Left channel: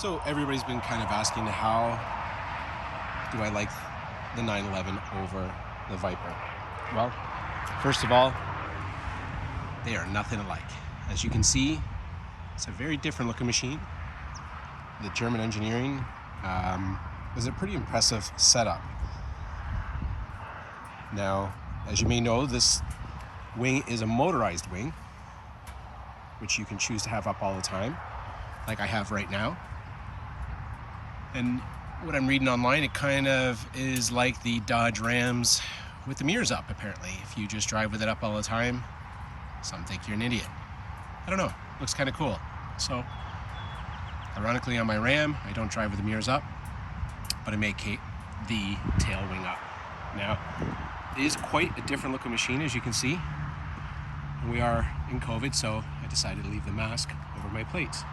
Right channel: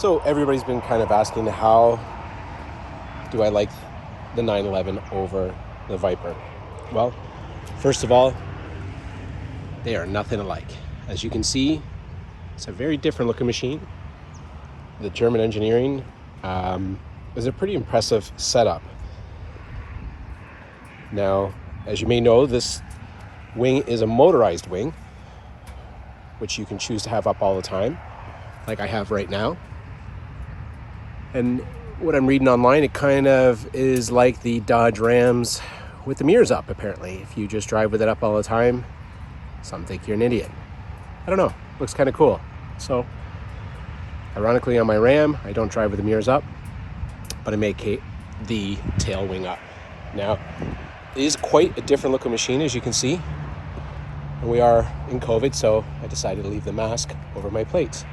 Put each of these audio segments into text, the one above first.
So everybody's been kind of asking, how do I like the 911 over the Viper? Well, first of all, they are nothing alike. As you can see, it's a very different looking machine. The German engineering is a pretty impressive setup. Now, as you may know, this wing is a motorized wing, which you can choose to have up all the time, like I have right now. And what I'm reading online, it kind of is like the Dodge Rams with the mirrors up, apparently. If you just drive with it up all the time, some think you're an idiot. I don't know, looks kind of cool. So, ironically on my Ram, I don't drive with the mirrors up, but I make the tail wing up. Now, it is quite a different looking machine, as you can see. And we are in COVID, so I decided to leave the mask over my plates.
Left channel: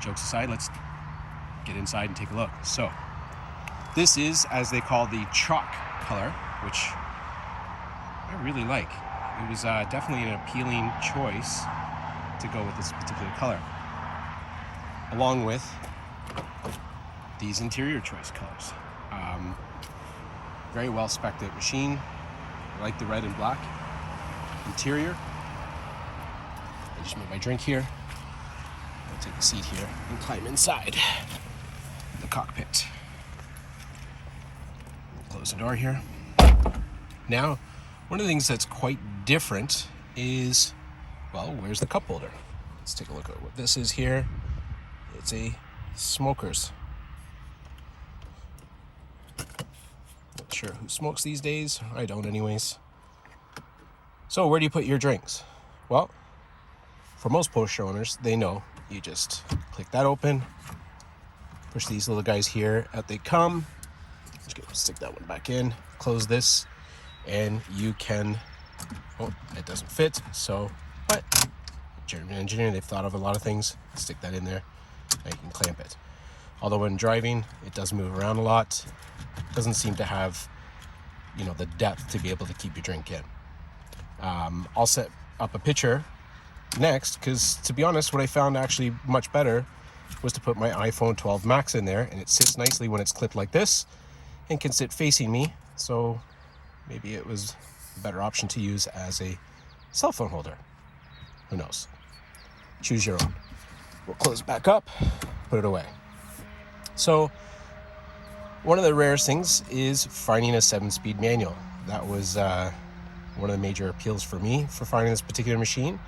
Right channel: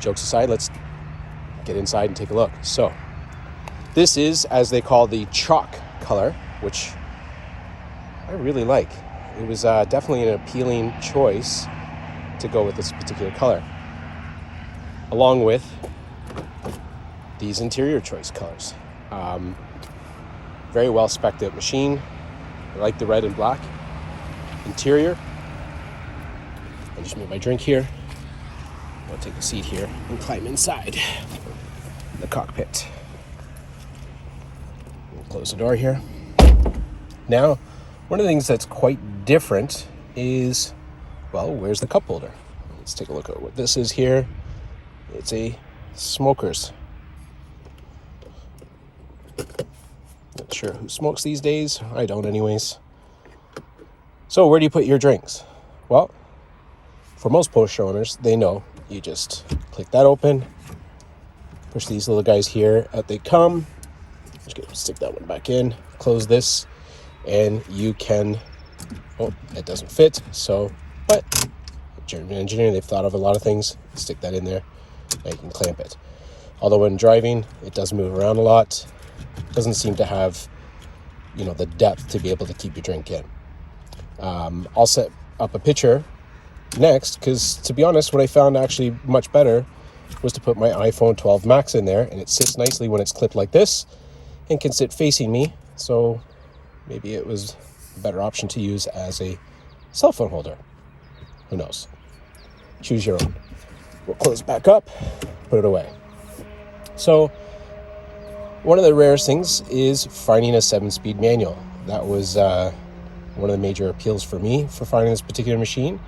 Jokes aside, let's get inside and take a look. So, this is, as they call, the chalk color, which I really like. It was definitely an appealing choice to go with this particular color, along with these interior choice colors. Very well spec'd out machine. I like the red and black interior. I just made my drink here. I'll take a seat here and climb inside the cockpit. Close the door here. Now, one of the things that's quite different is, well, where's the cup holder? Let's take a look at what this is here. It's a smoker's. Not sure who smokes these days. I don't anyways. So where do you put your drinks? Well, for most Porsche owners, they know you just click that open, push these little guys here, out they come. Just gonna stick that one back in, close this, and you can, oh, it doesn't fit, so, but German engineering, they've thought of a lot of things. Stick that in there, and you can clamp it. Although when driving, it does move around a lot. Doesn't seem to have, the depth to be able to keep your drink in. I'll set up a picture next, because to be honest, what I found actually much better was to put my iPhone 12 Max in there, and it sits nicely when it's clipped like this and can sit facing me. So maybe it was a better option to use as a cell phone holder. Who knows? Choose your own. We'll close it back up, put it away. So one of the rarest things is finding a 7-speed manual. That was one of the major appeals for me for finding this particular machine,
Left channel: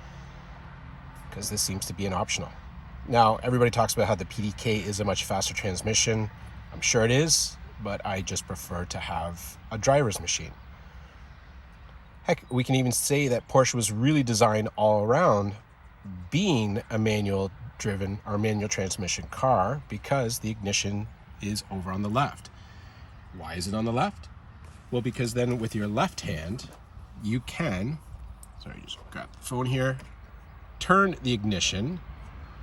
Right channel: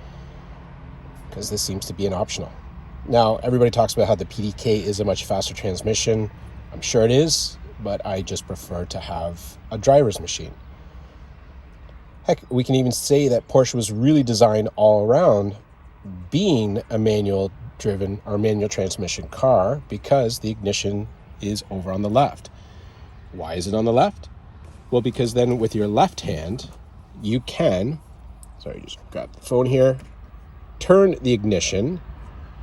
because this seems to be an optional. Now, everybody talks about how the PDK is a much faster transmission. I'm sure it is, but I just prefer to have a driver's machine. Heck, we can even say that Porsche was really designed all around being a manual driven or manual transmission car, because the ignition is over on the left. Why is it on the left? Well, because then with your left hand, you can, just grab the phone here, turn the ignition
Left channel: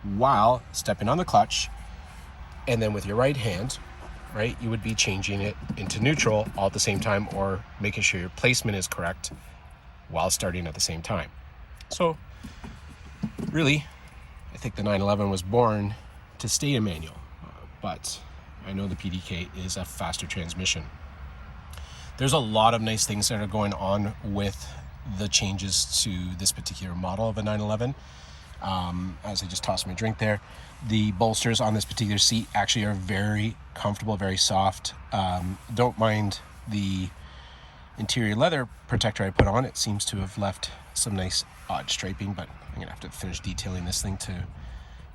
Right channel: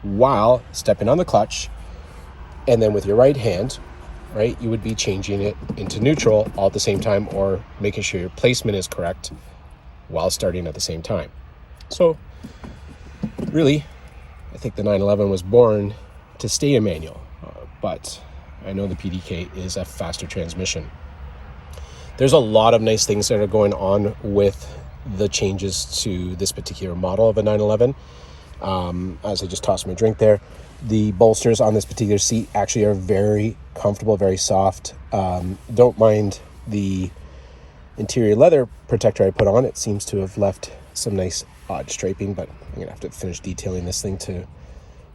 while stepping on the clutch, and then with your right hand, right, you would be changing it into neutral all at the same time, or making sure your placement is correct while starting at the same time. So really, I think the 911 was born to stay a manual, but I know the PDK is a faster transmission. There's a lot of nice things that are going on with the changes to this particular model of a 911. As I just tossed my drink there, the bolsters on this particular seat actually are very comfortable, very soft. Don't mind the interior leather protector I put on. It seems to have left some nice odd striping, but I'm gonna have to finish detailing this thing to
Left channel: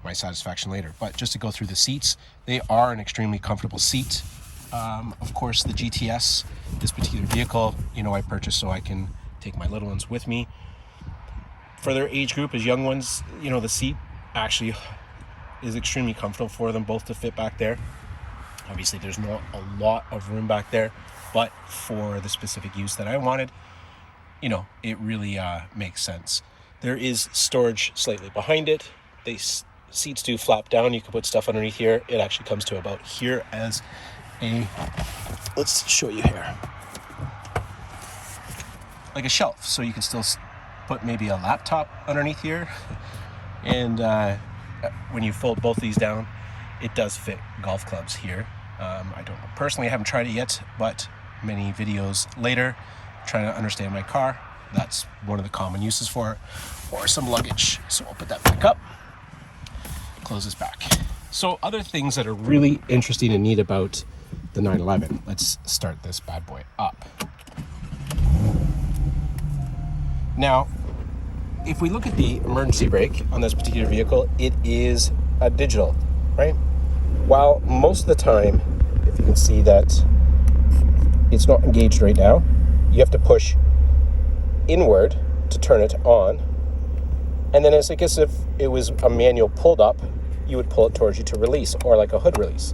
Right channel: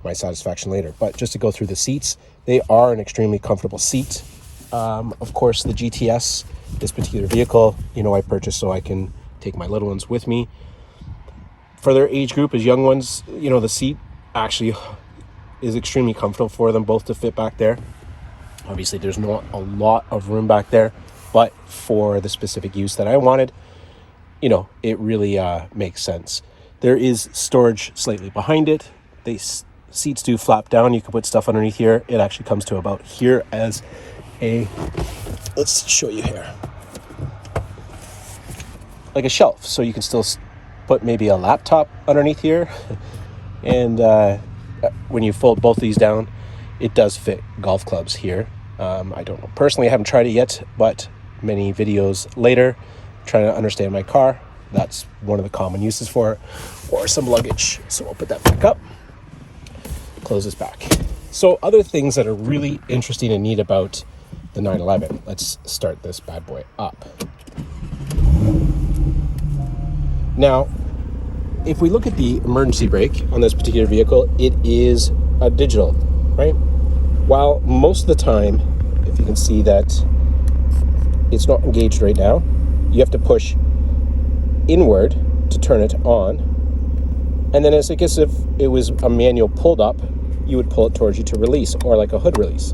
my satisfaction later. But just to go through the seats, they are an extremely comfortable seat. Of course, the GTS, this particular vehicle, I purchased so I can take my little ones with me. For their age group, as young ones, the seat actually is extremely comfortable for them both to fit back there. Obviously, there's not a lot of room back there, but for the specific use that I wanted, it really makes sense. There is storage slightly behind it. These seats do flap down. You can put stuff underneath here. It actually comes to about here as let's show you here, like a shelf, so you can still put maybe a laptop underneath here and when you fold both of these down, it does fit golf clubs here. I don't know. Personally, I haven't tried it yet, but many videos later, trying to understand my car, that's one of the common uses for it, or some luggage. So I'll put that back up, close this back. So other things that are really interesting and neat about the 911. Let's start this bad boy up. Now, if we look at the emergency brake on this particular vehicle, it is a digital, right? While most of the time, if you can see that it's not engaged right now, you have to push inward to turn it on. And then it's like as if it was a manual pulled up, you would pull it towards you to release, or like a hood release.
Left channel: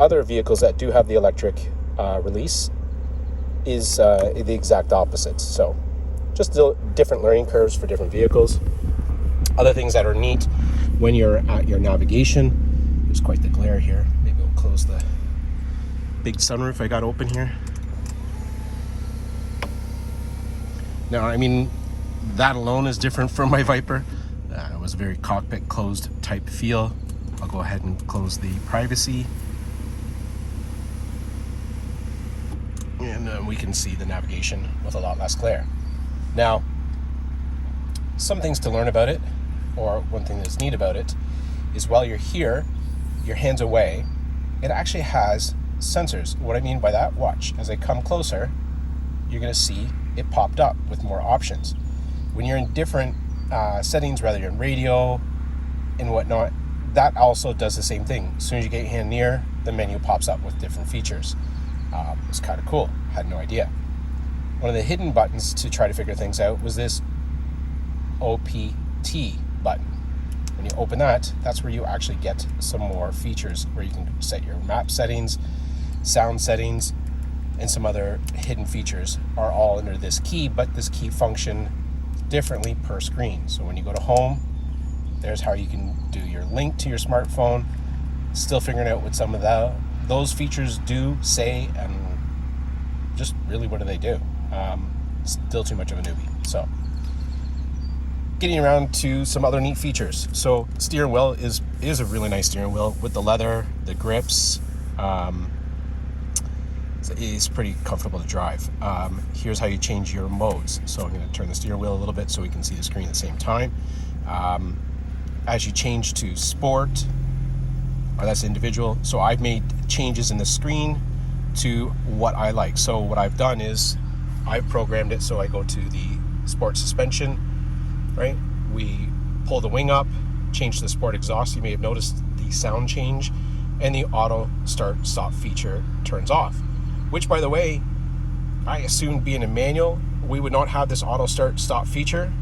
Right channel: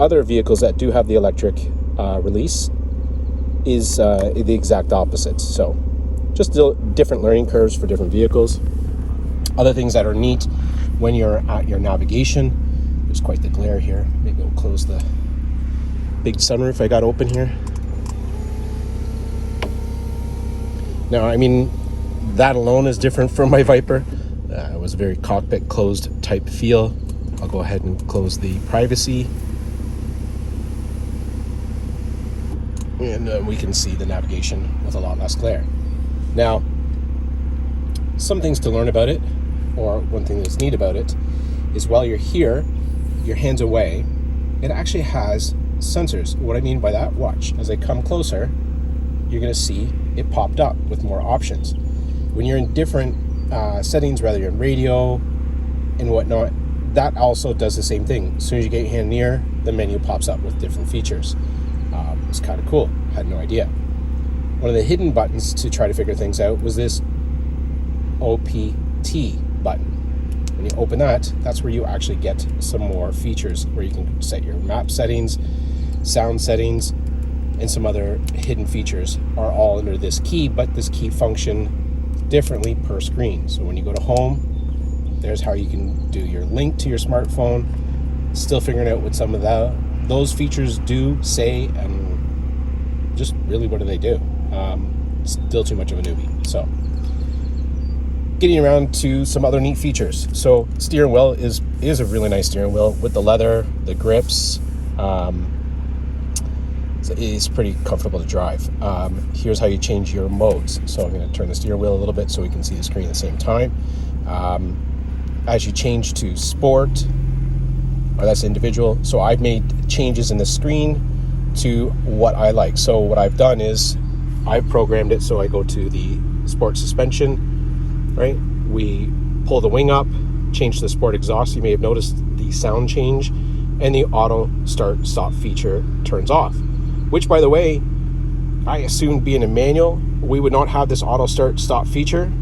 Other vehicles that do have the electric release is the exact opposite. So just different learning curves for different vehicles. Other things that are neat when you're at your navigation, there's quite the glare here. Maybe we'll close the big sunroof I got open here. Now, I mean, that alone is different from my Viper. It was a very cockpit closed type feel. I'll go ahead and close the privacy. And we can see the navigation with a lot less glare. Now, some things to learn about it, or one thing that's neat about it, is while you're here, your hand's away, it actually has sensors. What I mean by that, watch. As I come closer, you're going to see it popped up with more options. When you're in different settings, whether you're in radio and whatnot, that also does the same thing. As soon as you get your hand near, the menu pops up with different features. It's kind of cool. Had no idea. One of the hidden buttons to try to figure things out was this OPT button. When you open that, that's where you actually get some more features where you can set your map settings, sound settings, and some other hidden features are all under this key, but this key function differently per screen. So when you go to home, there's how you can do your link to your smartphone. Still figuring out what some of those features do, say, and just really what do they do. Still too much of a newbie. So getting around to some other neat features. So steering wheel is a really nice steering wheel with the leather, the grips. It's pretty comfortable to drive. Here's how you change your modes. So I'm going to turn the steering wheel a little bit so we can see the screen at the same time. As you change to sport, or that's individual. So I've made changes in the screen to what I like. So what I've done is I've programmed it so I go to the sport suspension, right? We pull the wing up, change the sport exhaust. You may have noticed the sound change, and the auto start stop feature turns off, which, by the way, I assumed being a manual, we would not have this auto start stop feature,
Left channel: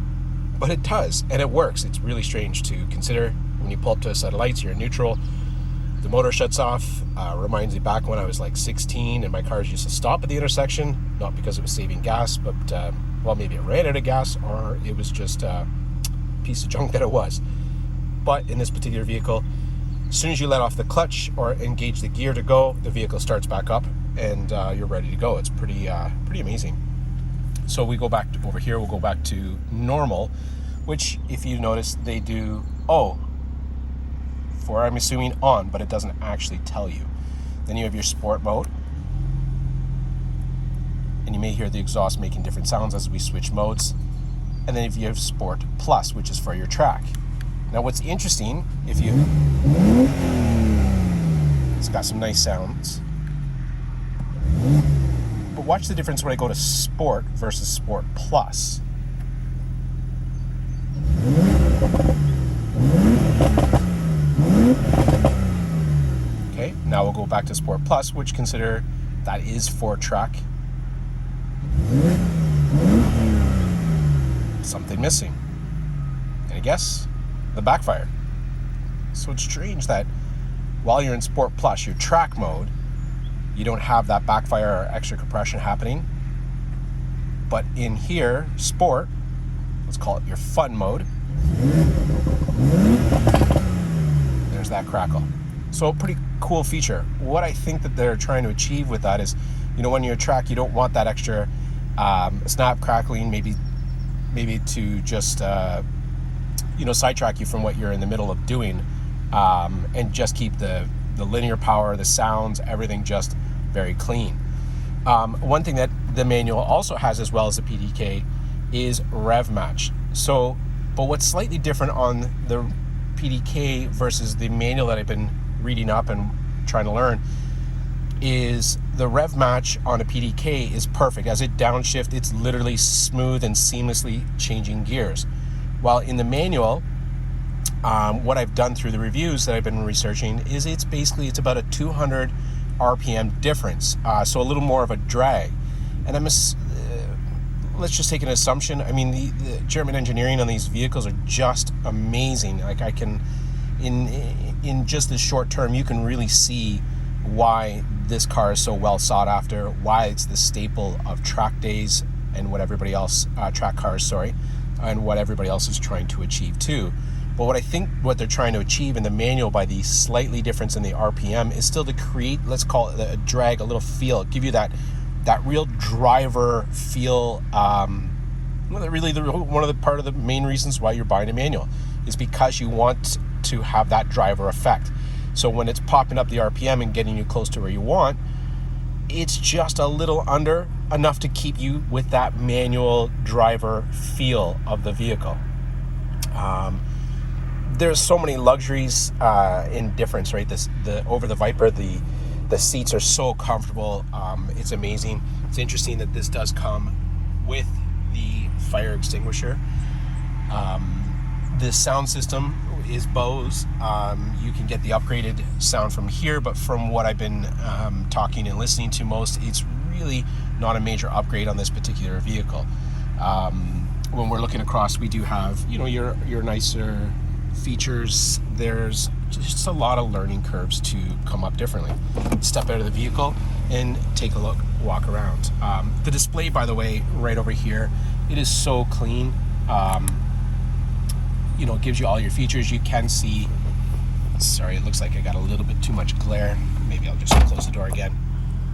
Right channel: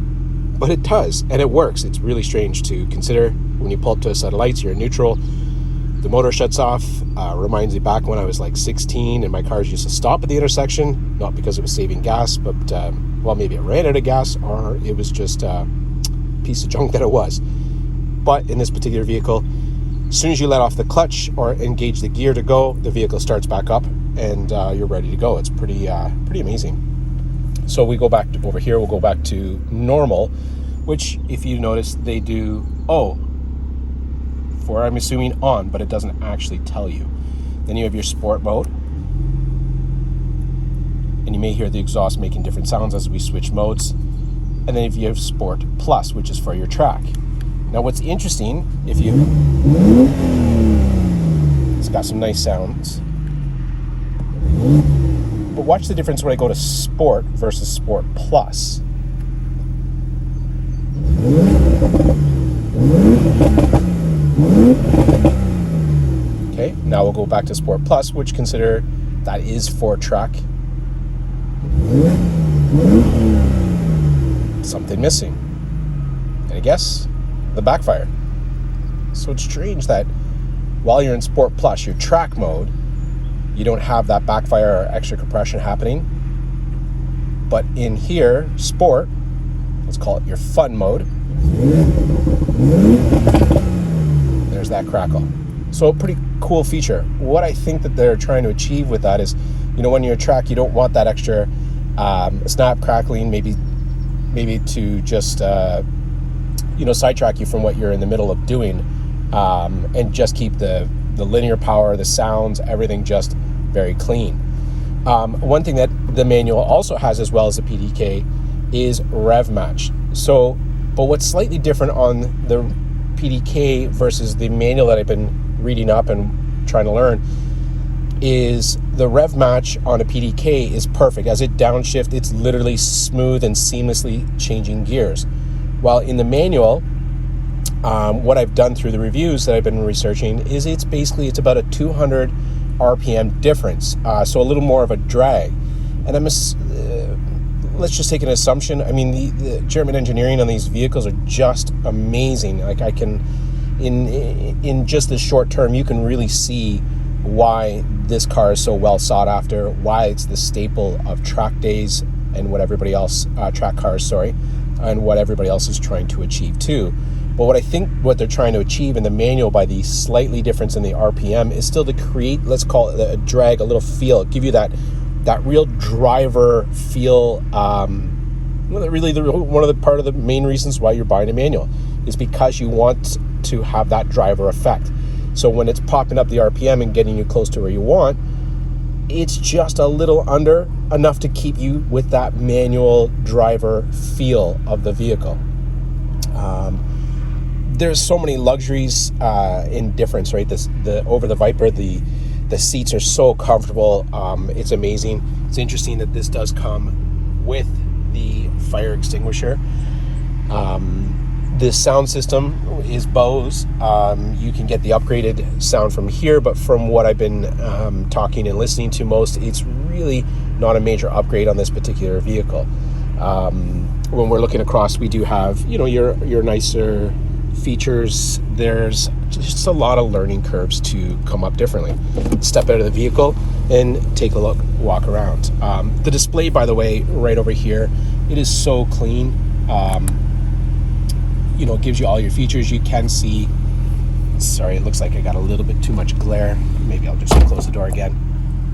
but it does, and it works. It's really strange to consider. When you pull up to a set of lights, you're in neutral, the motor shuts off. Reminds me back when I was like 16 and my cars used to stop at the intersection, not because it was saving gas, but well, maybe it ran out of gas, or it was just a piece of junk that it was. But in this particular vehicle, as soon as you let off the clutch or engage the gear to go, the vehicle starts back up and you're ready to go. It's pretty amazing. So we go back to over here, we'll go back to normal, which if you notice they do for, I'm assuming, on, but it doesn't actually tell you. Then you have your sport mode, and you may hear the exhaust making different sounds as we switch modes. And then if you have sport plus, which is for your track. Now what's interesting, it's got some nice sounds, but watch the difference when I go to sport versus sport plus. Okay, now we'll go back to Sport Plus, which consider that is for track. Something missing. And I guess the backfire. So it's strange that while you're in Sport Plus, your track mode, you don't have that backfire or extra compression happening. But in here, Sport, let's call it your fun mode, there's that crackle. So a pretty cool feature. What I think that they're trying to achieve with that is, when you're a track, you don't want that extra snap crackling, maybe to just sidetrack you from what you're in the middle of doing, and just keep the linear power, the sounds, everything just very clean. One thing that the manual also has, as well as the PDK, is rev match. So, but what's slightly different on the PDK versus the manual that I've been reading up and trying to learn is the rev match on a PDK is perfect. As it downshift, it's literally smooth and seamlessly changing gears. While in the manual, what I've done through the reviews that I've been researching is it's about a 200 RPM difference, so a little more of a drag. And let's just take an assumption. I mean, the German engineering on these vehicles are just amazing. Like, I can, in just the short term, you can really see why this car is so well sought after, why it's the staple of track days and what everybody else, track cars, and what everybody else is trying to achieve too. But what I think what they're trying to achieve in the manual by the slightly difference in the RPM is still to create, let's call it a drag, a little feel, give you that real driver feel. Really, one of the part of the main reasons why you're buying a manual is because you want to have that driver effect. So when it's popping up the RPM and getting you close to where you want, it's just a little under enough to keep you with that manual driver feel of the vehicle. There's so many luxuries in difference, right? Over the Viper, the seats are so comfortable. It's amazing. It's interesting that this does come with the fire extinguisher. The sound system is Bose. You can get the upgraded sound from here, but from what I've been talking and listening to most, it's really not a major upgrade on this particular vehicle. When we're looking across, we do have, your nicer features. There's just a lot of learning curves to come up differently. Step out of the vehicle and take a walk around. The display, by the way, right over here, it is so clean. It gives you all your features. You can see, sorry, it looks like I got a little bit too much glare. Maybe I'll just close the door again.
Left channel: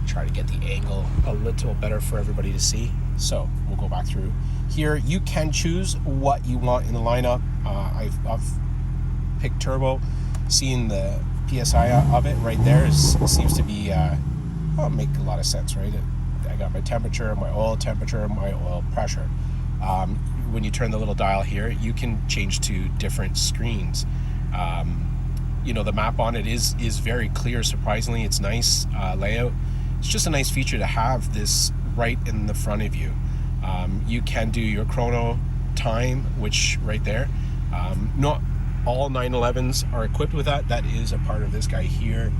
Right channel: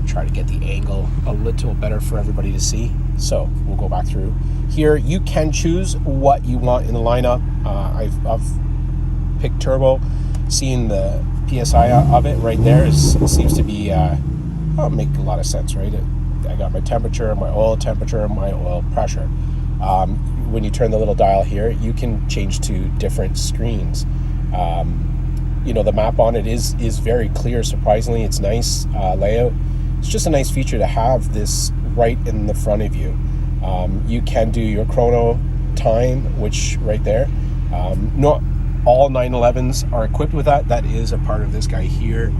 Try to get the angle a little better for everybody to see. So we'll go back through here. You can choose what you want in the lineup. I've picked turbo. Seeing the PSI of it right there seems to be make a lot of sense, right? I got my temperature, my oil temperature, my oil pressure. When you turn the little dial here, you can change to different screens. The map on it is very clear. Surprisingly, it's nice layout. It's just a nice feature to have this right in the front of you. You can do your chrono time, which right there. Not all 911s are equipped with that. That is a part of this guy here.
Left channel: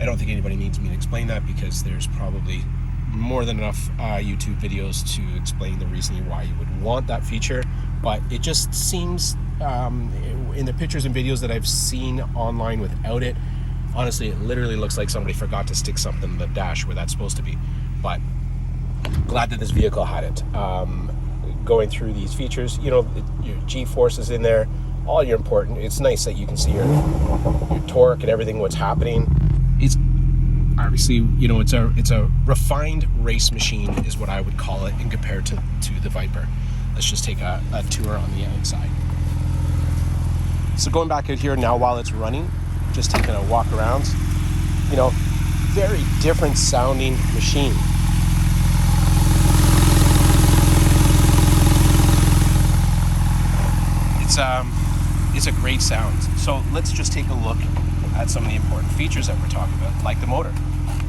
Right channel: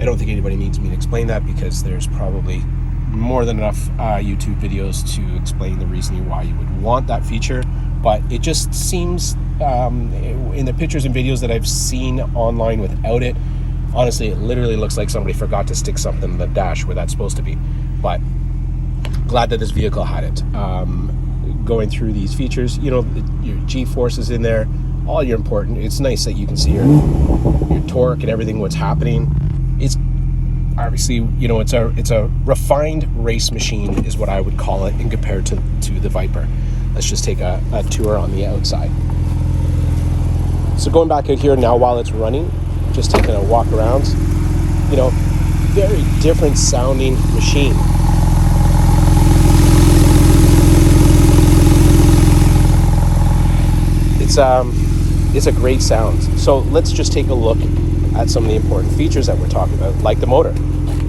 I don't think anybody needs me to explain that because there's probably more than enough YouTube videos to explain the reasoning why you would want that feature. But it just seems, in the pictures and videos that I've seen online without it, honestly, it literally looks like somebody forgot to stick something in the dash where that's supposed to be. But glad that this vehicle had it. Going through these features, your G-force is in there, all your important. It's nice that you can see your torque and everything, what's happening. It's obviously, it's a refined race machine is what I would call it in comparison to the Viper. Let's just take a tour on the outside. So going back out here now while it's running, just taking a walk around, very different sounding machine. It's a great sound. So let's just take a look at some of the important features that we're talking about, like the motor.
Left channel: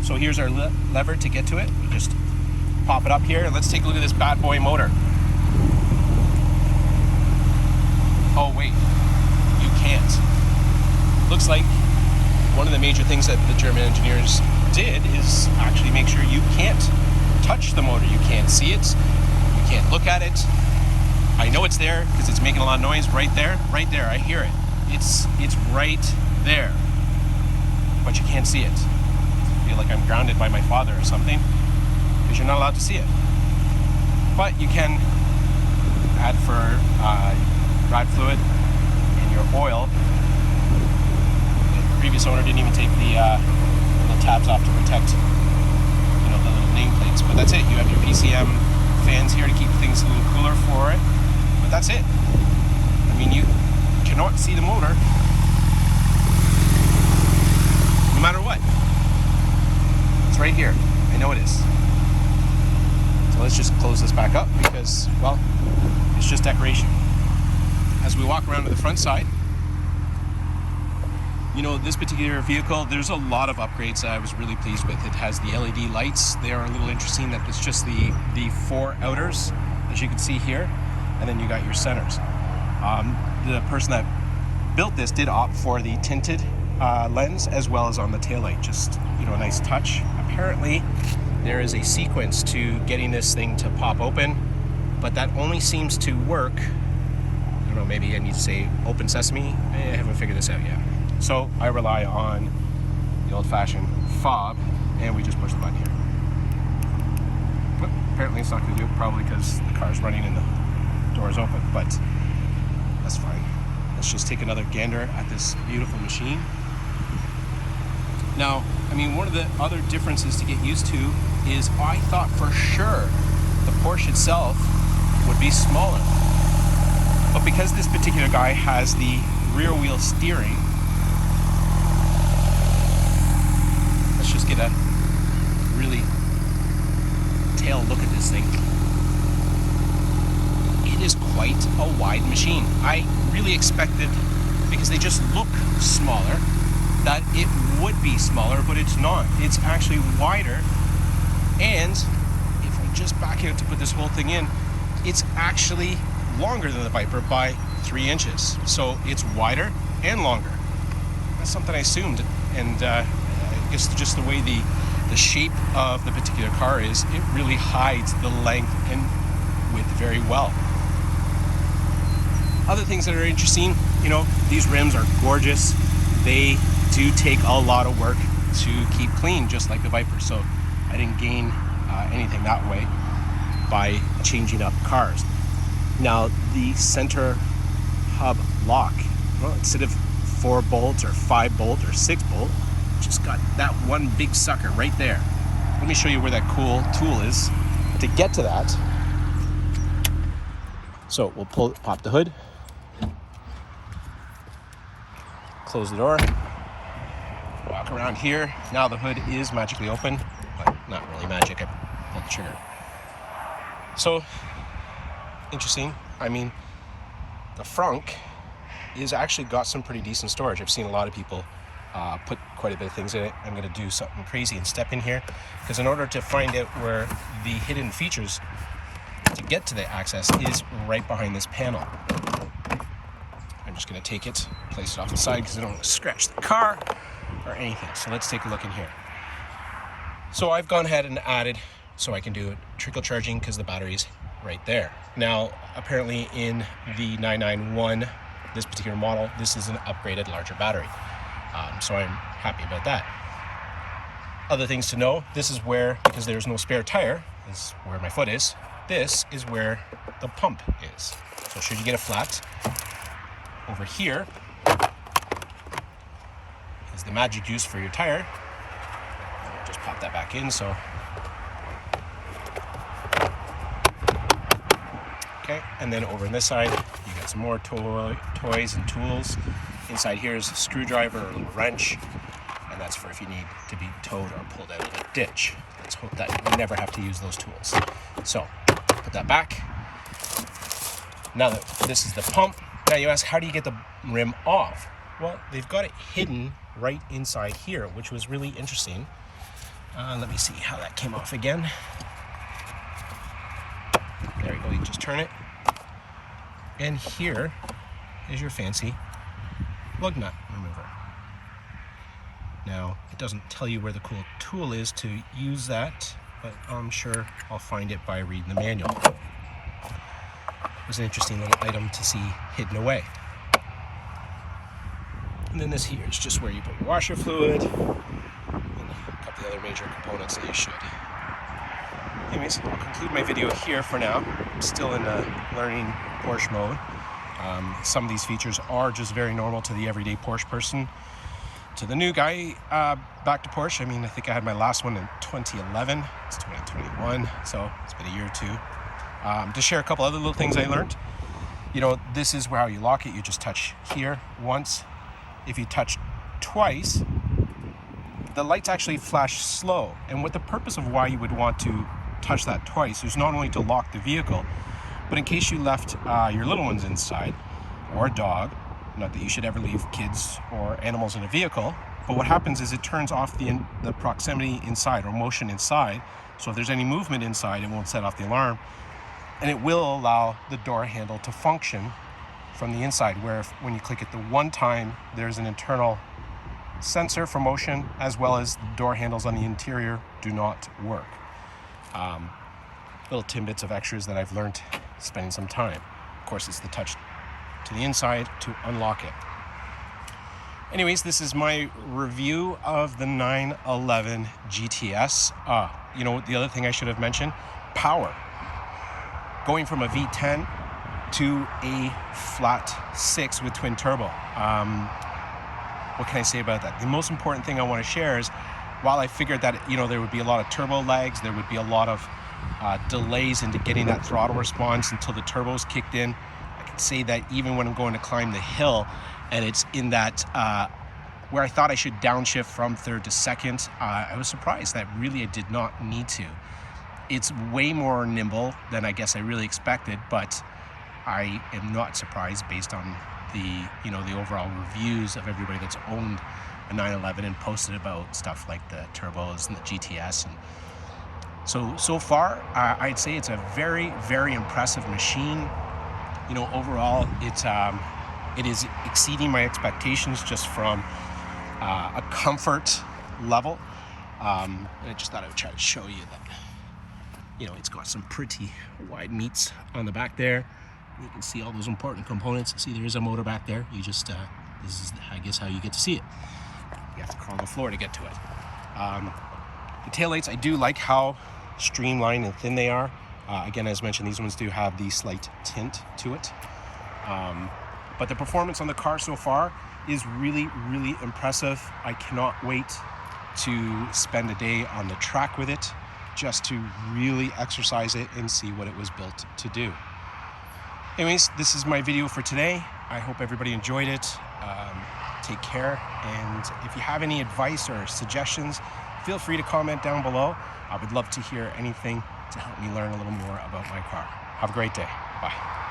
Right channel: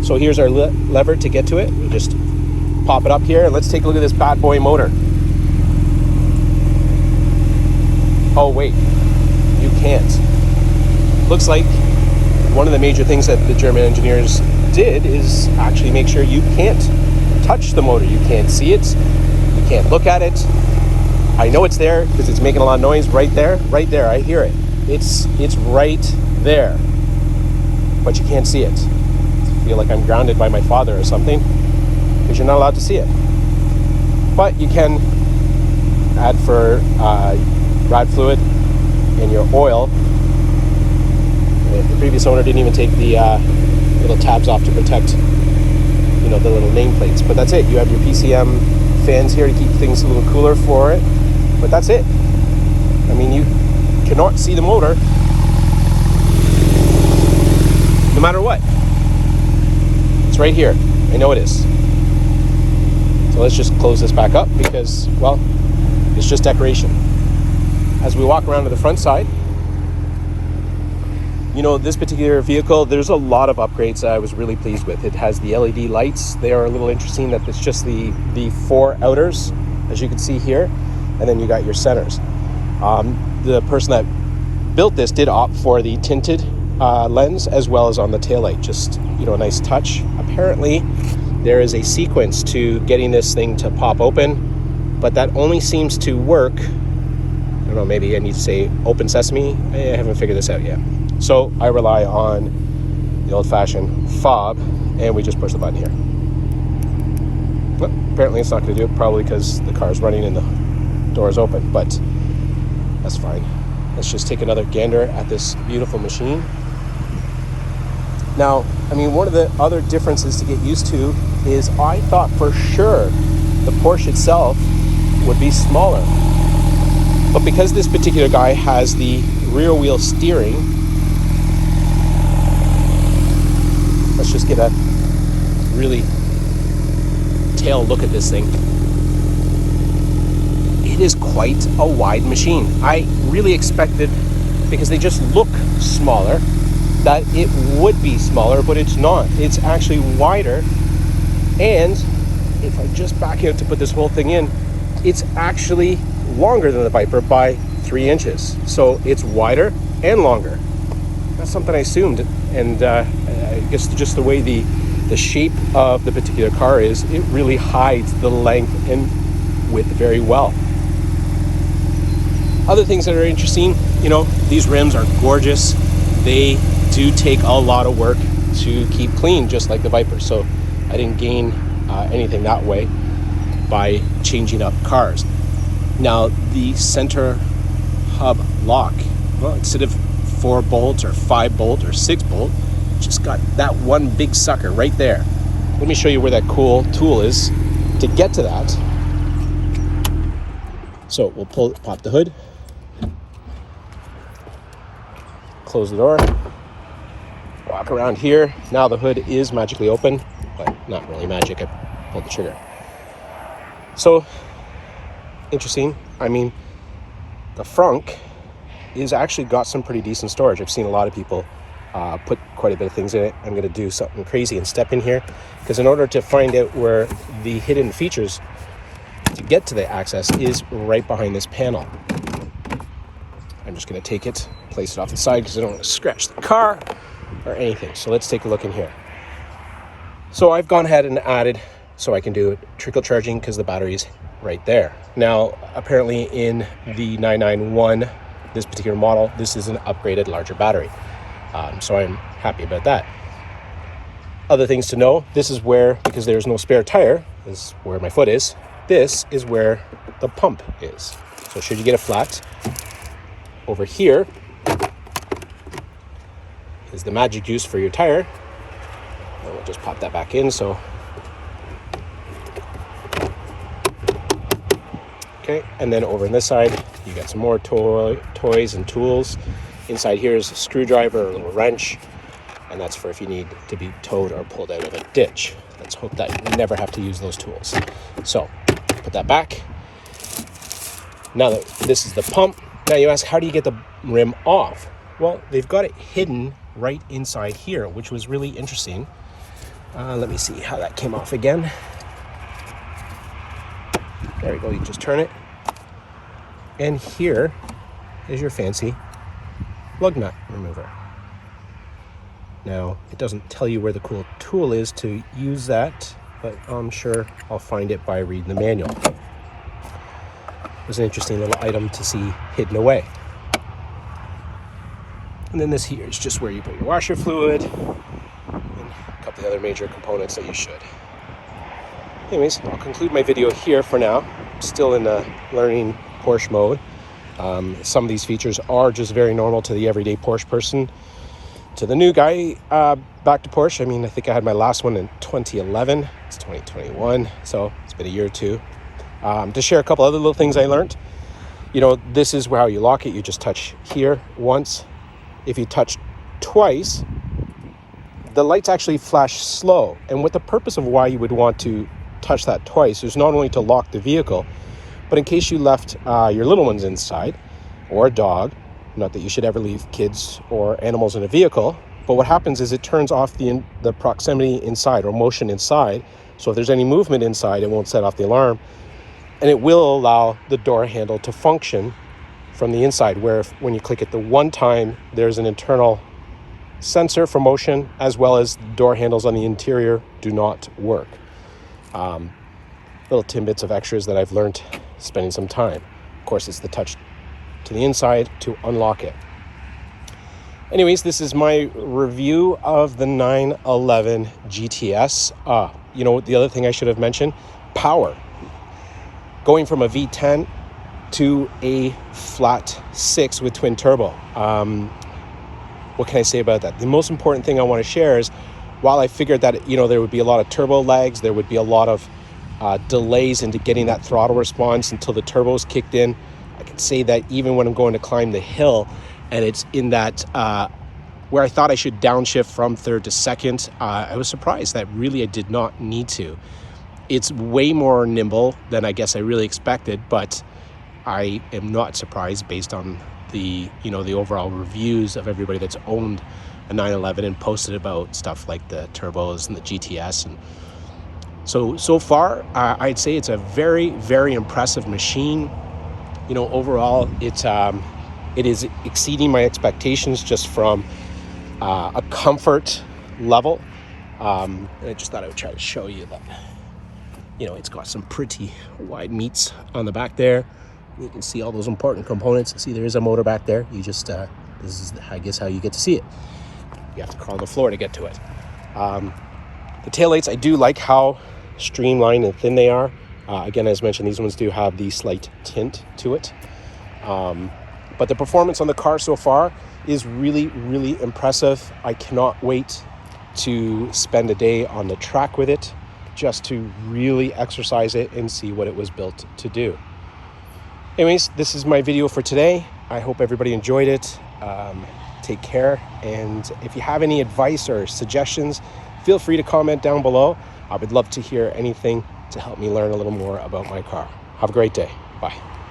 So here's our lever to get to it. We just pop it up here, and let's take a look at this bad boy motor. Oh wait, you can't. Looks like one of the major things that the German engineers did is actually make sure you can't touch the motor. You can't see it, you can't look at it. I know it's there because it's making a lot of noise right there, I hear it. It's right there, but you can't see it. I feel like I'm grounded by my father or something because you're not allowed to see it. But you can add for ride fluid and your oil. The previous owner didn't even take the little tabs off to protect, the little nameplates. But that's it. You have your PCM fans here to keep things a little cooler for it. But that's it. I mean, you cannot see the motor no matter what. It's right here. I know it is. So let's just close this back up because, well, it's just decoration. As we walk around to the front side, you know, this particular vehicle, there's a lot of upgrades that I was really pleased with. It has the LED lights. They are a little interesting that it's just the 4 outers, as you can see here, and then you got your centers. The person that built this did opt for the tinted lens as well as on the taillight. Just, you know, a nice touch. Apparently, there is a sequence to getting this thing to pop open, but that only seems to work. I don't know, maybe I need to say open sesame. I haven't figured this out yet. So I rely on the old-fashioned fob, and we just push the button here. But apparently it's not going to do it, probably because the car is running and the door is open, but that's fine. Let's just take another gander at this beautiful machine. Now, I mean, one of the other differences to get used to is I thought for sure the Porsche itself would be smaller. But because this particular guy has the rear wheel steering, let's just get a really detailed look at this thing. It is quite a wide machine. I really expected, because they just look smaller, that it would be smaller, but it's not. It's actually wider, and if I just back out to put this whole thing in, it's actually longer than the Viper by 3 inches. So it's wider and longer. That's something I assumed, and I guess just the way the shape of the particular car is, it really hides the length and width very well. Other things that are interesting, you know, these rims are gorgeous. They do take a lot of work to keep clean, just like the Viper. So I didn't gain anything that way by changing up cars. Now, the center hub lock, well, instead of 4 bolts or 5 bolt or 6 bolt, just got that one big sucker right there. Let me show you where that cool tool is to get to that. So we'll pop the hood, close the door, walk around here. Now the hood is magically open, but not really magic. I pulled the trigger. So interesting. I mean, the frunk is actually got some pretty decent storage. I've seen a lot of people put quite a bit of things in it. I'm going to do something crazy and step in here, because in order to find out where the hidden features to get to the access is right behind this panel. I'm just going to take it, place it off the side because I don't want to scratch the car or anything. So let's take a look in here. So I've gone ahead and added, so I can do trickle charging because the battery's right there. Now, apparently in the 991, this particular model, this is an upgraded larger battery. So I'm happy about that. Other things to know, this is where, because there's no spare tire, is where my foot is. This is where the pump is. So should you get a flat, over here is the magic juice for your tire. And we'll just pop that back in. So, okay, and then over on this side, you got some more toys and tools. Inside here is a screwdriver, a little wrench, and that's for if you need to be towed or pulled out of a ditch. Let's hope that you never have to use those tools. So, put that back. Now that this is the pump, now you ask, how do you get the rim off? Well, they've got it hidden right inside here, which was really interesting. Let me see how that came off again. There we go, you just turn it. And here is your fancy lug nut remover. Now, it doesn't tell you where the cool tool is to use that, but I'm sure I'll find it by reading the manual. It was an interesting little item to see hidden away. And then this here is just where you put your washer fluid and a couple of other major components that you should. Anyways, I'll conclude my video here for now. I'm still in a learning Porsche mode. Some of these features are just very normal to the everyday Porsche person. To the new guy, back to Porsche, I mean, I think I had my last one in 2011. It's 2021, so it's been a year or two. To share a couple other little things I learned. You know, this is how you lock it. You just touch here once. If you touch twice, the lights actually flash slow. And what the purpose of why you would want to touch that twice is not only to lock the vehicle, but in case you left your little ones inside, or a dog, not that you should ever leave kids or animals in a vehicle, but what happens is it turns off the proximity inside or motion inside. So if there's any movement inside, it won't set off the alarm, and it will allow the door handle to function from the inside, where when you click it the one time, there's an internal sensor for motion, as well as door handles on the interior do not work. Little tidbits of extras that I've learned spending some time. Of course, it's the touch to the inside to unlock it. Anyways, this is my review of the 911 GTS. You know, the other thing I should have mentioned, power. Going from a V10 to a flat 6 with twin turbo. What can I say about that? The most important thing I want to share is, while I figured that, you know, there would be a lot of turbo lags, there would be a lot of delays into getting that throttle response until the turbos kicked in, I can say that even when I'm going to climb the hill and it's in that where I thought I should downshift from third to second, I was surprised that really I did not need to. It's way more nimble than I guess I really expected, but I am not surprised based on the, you know, the overall reviews of everybody that's owned a 911 and posted about stuff like the turbos and the GTS. And so far, I'd say it's a very, very impressive machine. You know, overall, it is exceeding my expectations just from a comfort level. I just thought I would try to show you that. You know, it's got some pretty wide meats on the back there. You can see all those important components. See, there is a motor back there. You just, this is, I guess, how you get to see it. You have to crawl the floor to get to it. The taillights, I do like how streamlined and thin they are. Again, as mentioned, these ones do have the slight tint to it. But the performance on the car so far is really, really impressive. I cannot wait to spend a day on the track with it, just to really exercise it and see what it was built to do. Anyways, this is my video for today. I hope everybody enjoyed it. Take care, and if you have any advice or suggestions, feel free to comment down below. I would love to hear anything to help me learn a little more about my car. Have a great day. Bye.